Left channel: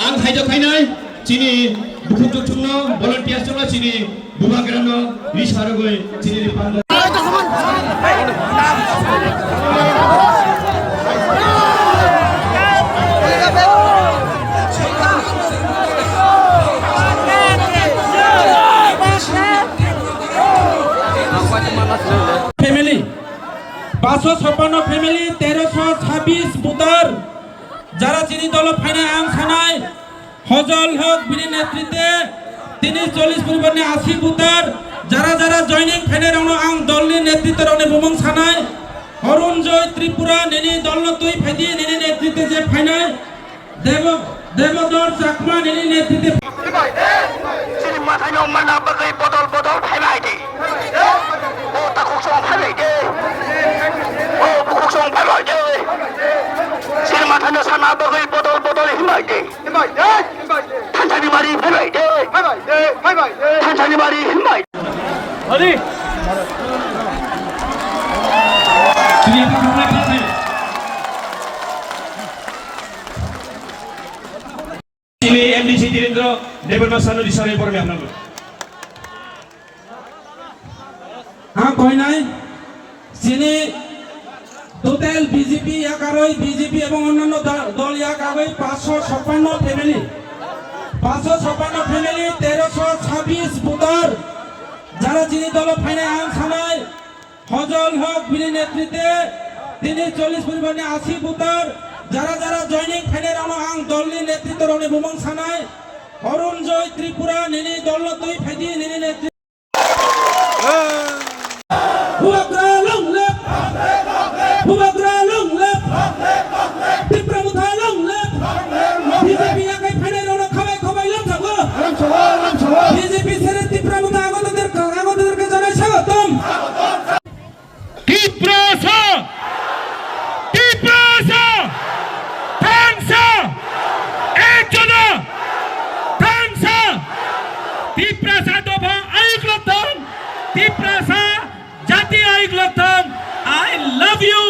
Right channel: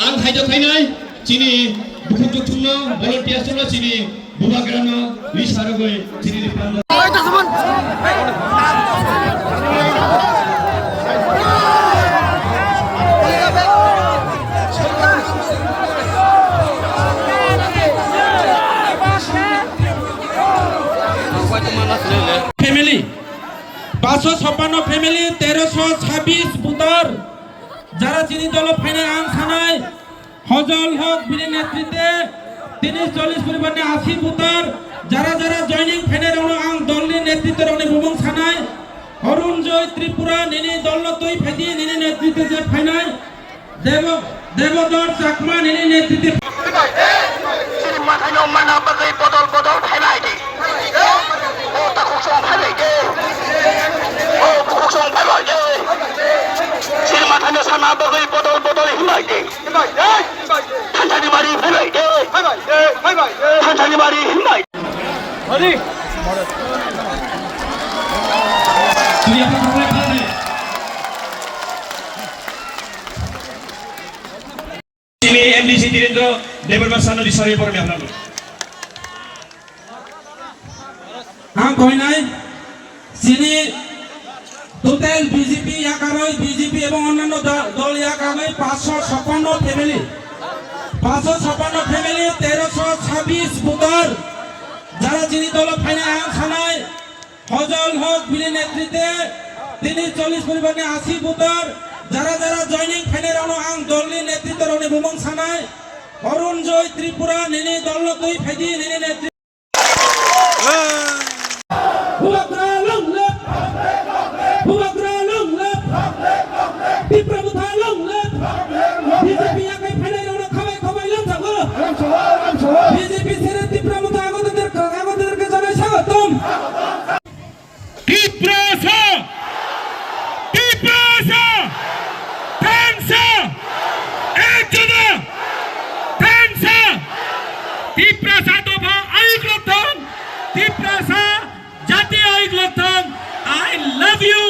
Ang hajo khainai chini bukhuk thungno volunteers chama chini buba kerano list haragoi chini panda family 556 family 1326 বুতার যারা চিনি দল final আং সানাই হজল হক বিনি নেতৃত্বে 30-40 পরিবর্তনে 80 বুতার যারা যারা জয়নিং ফাইনাল আং দলনি নেতৃত্বে রনে বুমং সানাই অরুণ জয় ত্রিপুরা নেনি দল তৈ ফেদি নেনি নেতৃত্বে যে ফাইনাল দেবদর চাকমা নেনি নেতৃত্বে চিনি মাথানো মানা বাগৈ বদল বদল ফাইনাল দে ও তাকো সং ফাইনাল দে ও বুকু সং ফাইনাল দে চিনি মাথানো সানা বাগৈ বদল বদল হিমাই দে থানথানি মারি ফাইনাল দে থানথানি মারি হিমাই Hari chini MDC Direndra Debarmas Sanu disari porne apnalo কইনাই চিনি টোটাল বিজেপি একারই বিজেপি এবং অন্যান্য দল একারই 556 ফ্যামিলি 556 ফ্যামিলি 1326 বুতার যারা চিনি দল ফাইনাল আং সানাই হজল হক বিনি নেতৃত্বে 30-40 পরিবর্তনে 80 বুতার যারা যারা জয়নিং ফাইনাল আং দলনি নেতৃত্বে রনে বুমং সানাই অরুণ জয় ত্রিপুরা নেনি দল তৈ ফেদি নেনি নেতৃত্বে I love you.